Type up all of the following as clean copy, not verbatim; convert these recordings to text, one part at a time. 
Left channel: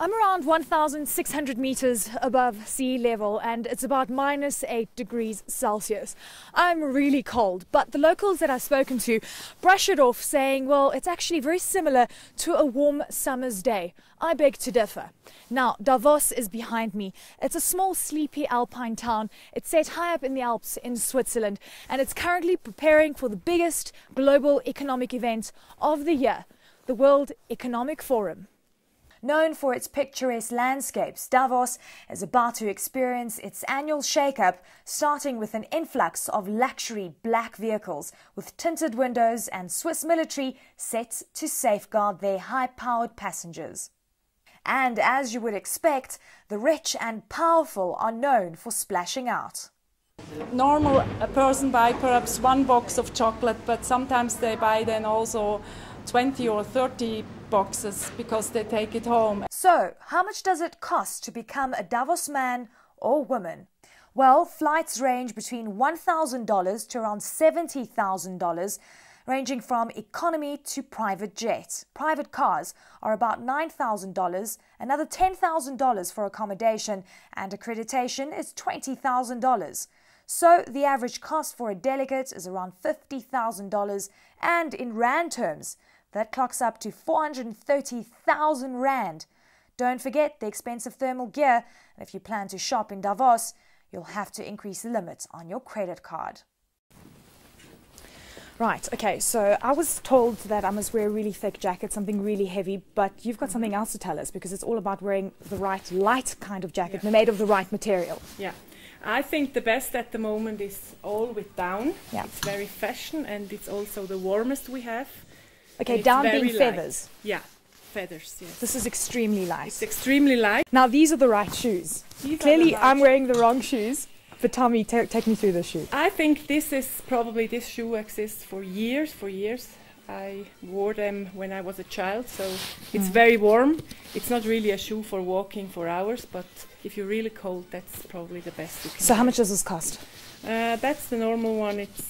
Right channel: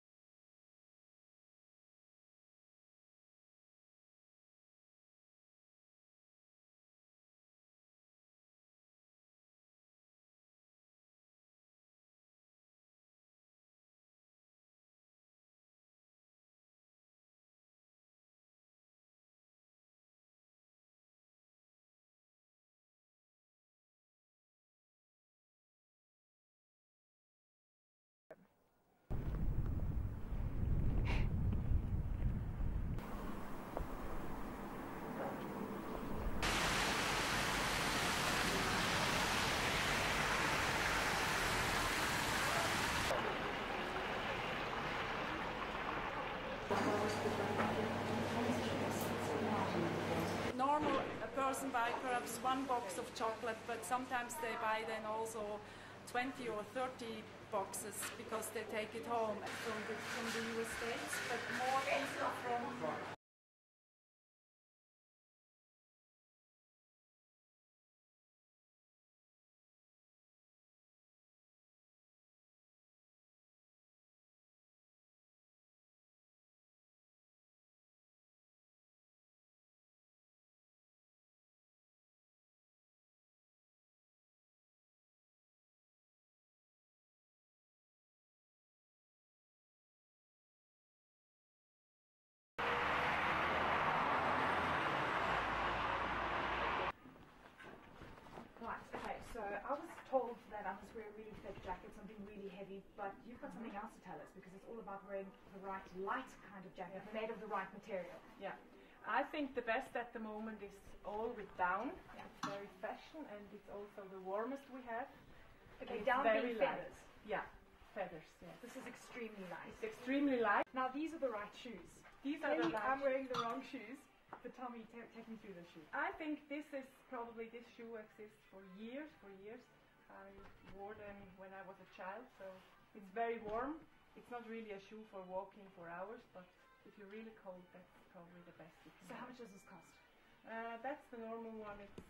I'm around 1,600 meters above sea level and it's about -8 degrees Celsius. I'm really cold, but the locals that I've spoken to brush it off saying, well, it's actually very similar to a warm summer's day. I beg to differ. Now, Davos is behind me. It's a small, sleepy Alpine town. It's set high up in the Alps in Switzerland, and it's currently preparing for the biggest global economic event of the year, the World Economic Forum. Known for its picturesque landscapes, Davos is about to experience its annual shake-up, starting with an influx of luxury black vehicles with tinted windows and Swiss military set to safeguard their high-powered passengers. And as you would expect, the rich and powerful are known for splashing out. Normal, a person buy perhaps one box of chocolate, but sometimes they buy then also 20 or 30 boxes because they take it home. So, how much does it cost to become a Davos man or woman? Well, flights range between $1,000 to around $70,000, ranging from economy to private jet. Private cars are about $9,000, another $10,000 for accommodation, and accreditation is $20,000. So the average cost for a delegate is around $50,000, and in rand terms, that clocks up to 430,000 rand. Don't forget the expensive thermal gear, and if you plan to shop in Davos, you'll have to increase the limit on your credit card. Right, okay, so I was told that I must wear a really thick jacket, something really heavy, but you've got something else to tell us, because it's all about wearing the right light kind of jacket, made of the right material. Yeah, I think the best at the moment is all with down. Yeah. It's very fashion and it's also the warmest we have. Okay, down being feathers. Yeah, feathers, yes. This is extremely light. It's extremely light. Now these are the right shoes. Clearly I'm wearing the wrong shoes, but tell me, take me through the shoe. I think this shoe exists for years. I wore them when I was a child, so it's very warm. It's not really a shoe for walking for hours, but if you're really cold, that's probably the best you can So how much does this cost? That's the normal one. It's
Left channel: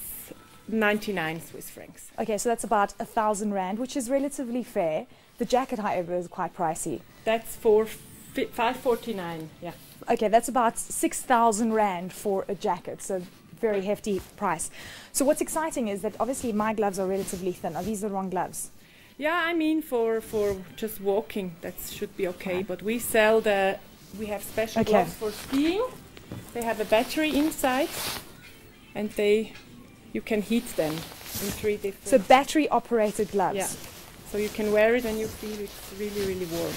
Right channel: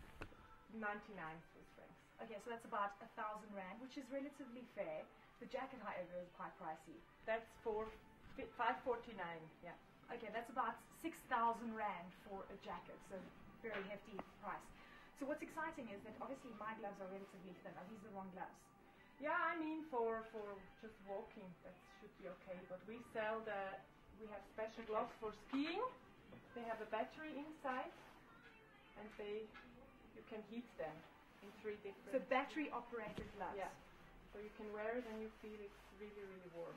99 Swiss francs. Okay, so that's about 1,000 rand, which is relatively fair. The jacket, however, is quite pricey. That's for 549, yeah. Okay, that's about 6,000 rand for a jacket, so very hefty price. So what's exciting is that obviously my gloves are relatively thin. Are these the wrong gloves? Yeah, I mean for just walking, that should be okay. But we have special gloves for skiing. They have a battery inside, and you can heat them in 3 different. So battery operated gloves. Yeah. So you can wear it and you feel it's really, really warm.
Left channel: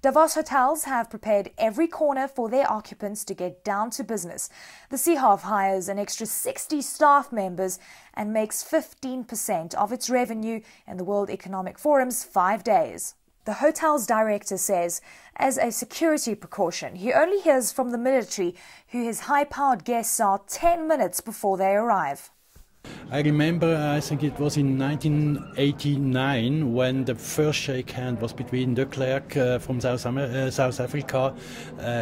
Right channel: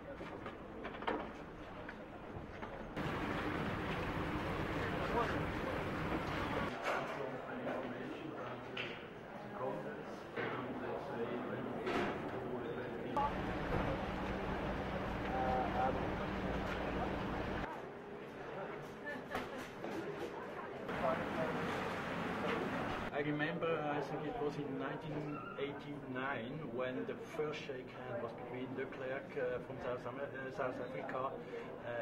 Davos hotels have prepared every corner for their occupants to get down to business. The Seehof hires an extra 60 staff members and makes 15% of its revenue in the World Economic Forum's 5 days. The hotel's director says, as a security precaution, he only hears from the military, who his high-powered guests are 10 minutes before they arrive. I remember, I think it was in 1989 when the first shake hand was between de Klerk from South Africa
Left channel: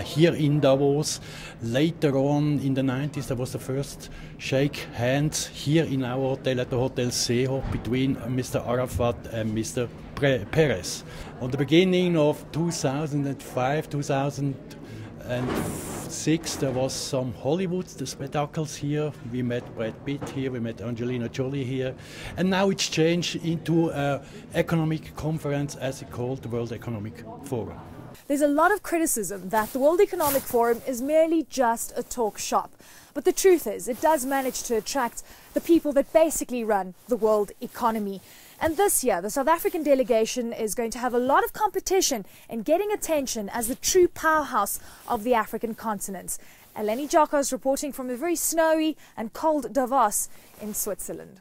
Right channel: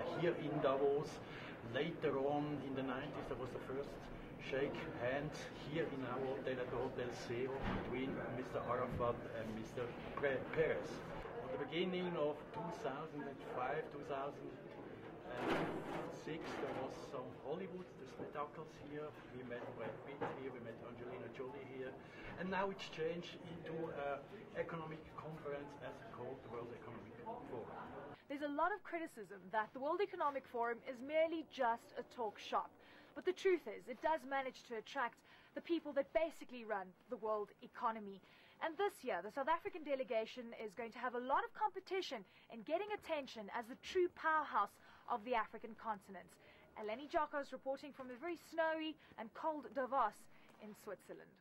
here in Davos. Later on in the 90s there was the first shake hands here in our hotel at the Hotel Seehof between Mr. Arafat and Mr. Perez. On the beginning of 2005, 2006 there was some Hollywood spectacles here. We met Brad Pitt here, we met Angelina Jolie here, and now it's changed into an economic conference as it's called the World Economic Forum. There's a lot of criticism that the World Economic Forum is merely just a talk shop. But the truth is, it does manage to attract the people that basically run the world economy. And this year, the South African delegation is going to have a lot of competition in getting attention as the true powerhouse of the African continent. Eleni Giokos reporting from a very snowy and cold Davos in Switzerland.